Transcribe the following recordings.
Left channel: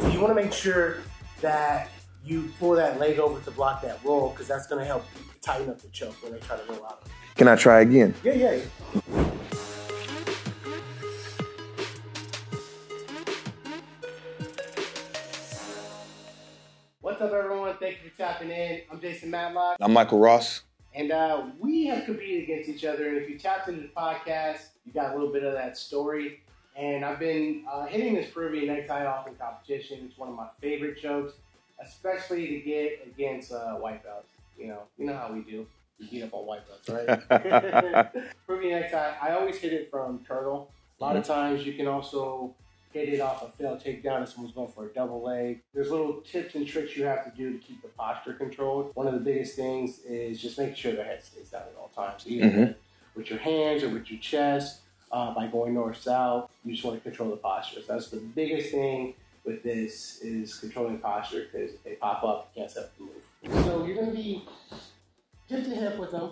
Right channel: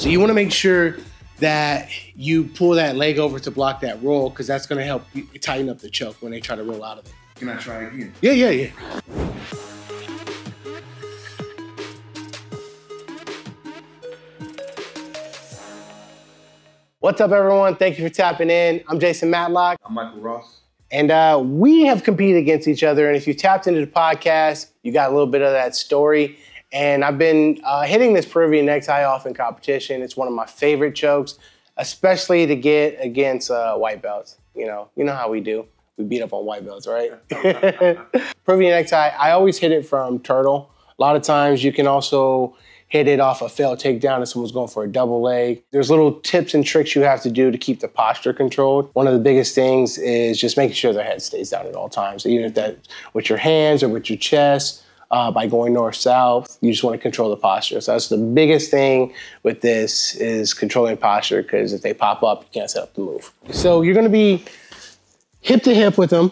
So you wanna make sure that you pull that leg over to block that roll, because that's gonna help you tighten up the choke when they try to roll out of it. Can I try again? Yeah. What's up, everyone? Thank you for tapping in. I'm Jason Matlock. I'm Michael Ross. And we have competed against each other. And if you tapped into the podcast, you got a little bit of that story. And I've been hitting this Peruvian necktie off in competition. It's one of my favorite chokes, especially to get against white belts. You know how we do. We beat up on white belts, right? Peruvian necktie, I always hit it from turtle. A lot of times you can also hit it off a failed takedown if someone's going for a double leg. There's little tips and tricks you have to do to keep the posture controlled. One of the biggest things is just making sure their head stays down at all times. So even if that with your hands or with your chest, by going north-south, you just want to control the posture. So that's the biggest thing with this is controlling posture, because if they pop up, you can't set up the move. So you're gonna be hip to hip with them.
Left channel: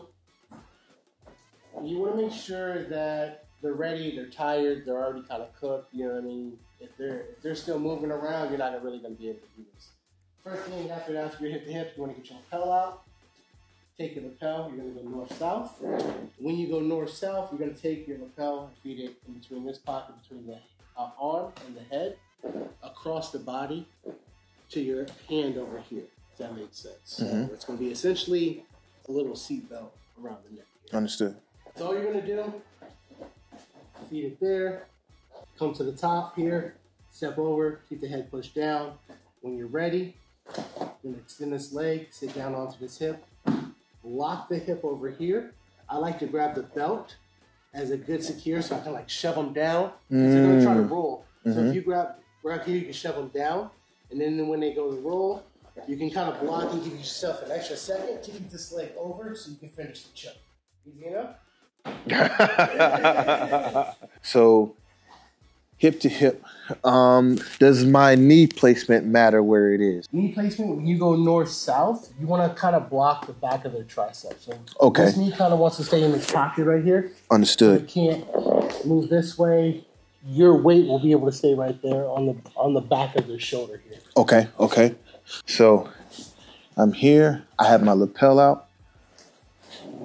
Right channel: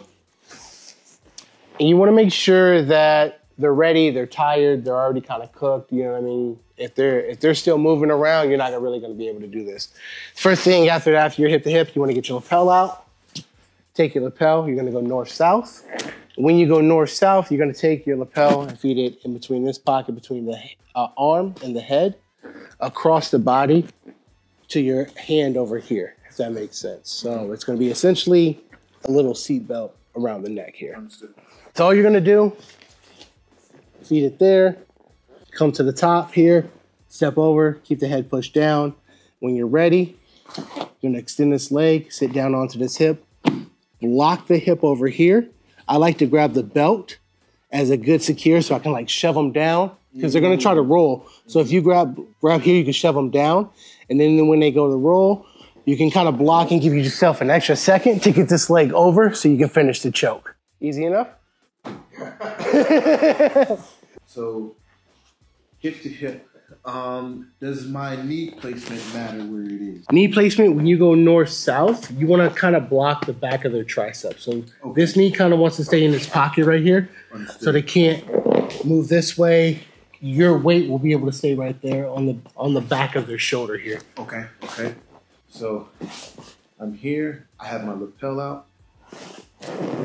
And you wanna make sure that they're ready, they're tired, they're already kind of cooked, you know what I mean? If they're still moving around, you're not really gonna be able to do this. First thing after you're hip to hip, you wanna get your lapel out. Take your lapel, you're gonna go north-south. When you go north-south, you're gonna take your lapel and feed it in between this pocket, between the arm and the head, across the body to your hand over here, if that makes sense. So it's gonna be essentially a little seat belt around the neck here. Understood. That's all you're gonna do. Feed it there, come to the top here, step over, keep the head pushed down. When you're ready, you're gonna extend this leg, sit down onto this hip, block the hip over here. I like to grab the belt as a good secure so I can like shove them down, because they're gonna try to roll. So if you grab here, you can shove them down. And then when they go to roll, you can kind of block and give yourself an extra second to get this leg over so you can finish the choke. Easy enough? So, hip to hip. Does my knee placement matter where it is? Knee placement, when you go north-south, you want to kind of block the back of their tricep. So this knee kind of wants to stay in its pocket right here. Understood. So they can't move this way. Your weight will be able to stay right there on the back of their shoulder here. Okay. So I'm here. I have my lapel out.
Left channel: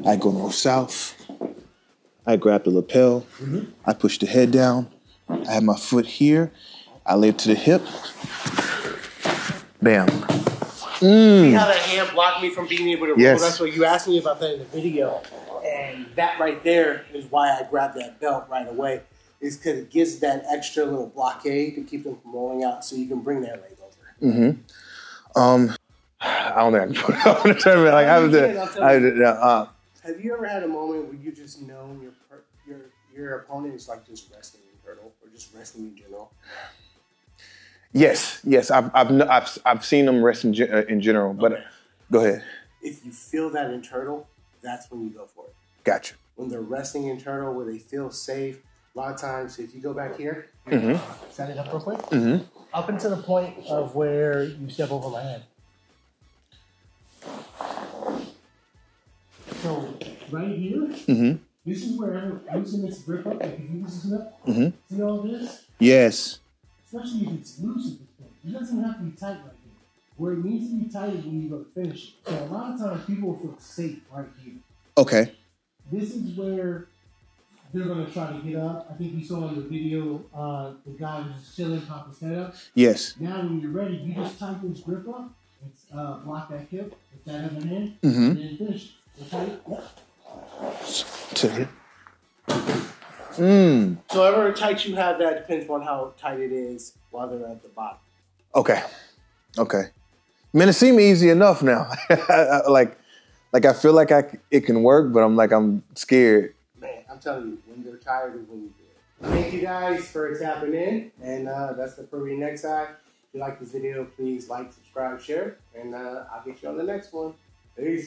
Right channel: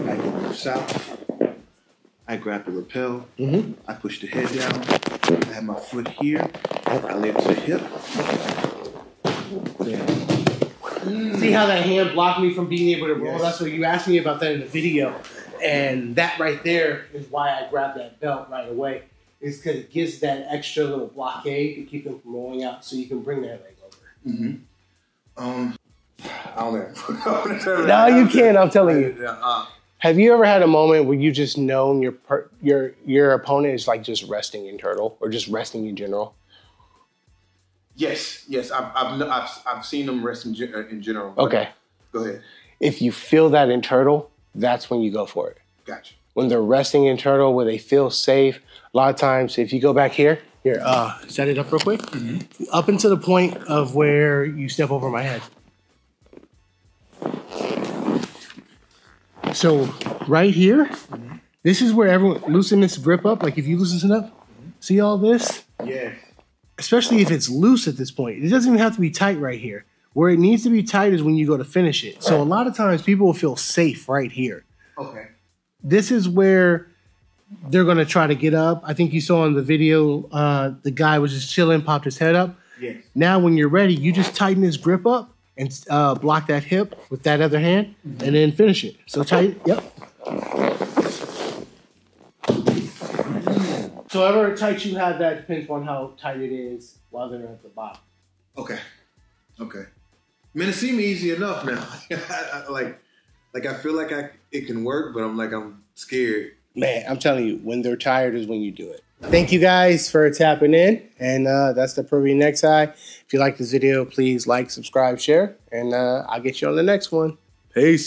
I go north-south. I grab the lapel. I push the head down. I have my foot here. I lay it to the hip. Bam. See how that hand blocked me from being able to roll? Yes. That's what you asked me about that in the video. And that right there is why I grabbed that belt right away. Is because it gives that extra little blockade to keep them from rolling out, so you can bring that leg over. I don't know. No, you can't. I'm telling you. Have you ever had a moment where you just known your opponent is like just resting in turtle or just resting in general? Yes. I've seen them rest in general. But Okay. Go ahead. If you feel that in turtle, that's when you go for it. Gotcha. When they're resting in turtle, where they feel safe, a lot of times, if you go back here, set it up real quick, up into the point of where you step over my head. So right here, this is where everyone loosen this grip up. Like if you loosen it up, see all this? Yes. Especially if it's loose at this point. It doesn't even have to be tight right here. Where it needs to be tight is when you go to finish it. So a lot of times people will feel safe right here. Okay. This is where they're gonna try to get up. I think you saw in the video, the guy was just chilling, popped his head up. Yes. Now when you're ready, you just tighten his grip up and block that hip with that other hand, and then finish it. So tight, yep. So however tight you have that depends on how tight it is while they're at the bottom. Okay. Man, it seemed easy enough now. like I feel like it can work, but I'm scared. Man, I'm telling you, when they're tired is when you do it. Thank you guys for tapping in, and that's the Peruvian necktie. If you like this video, please like, subscribe, share, and I'll get you on the next one. Peace.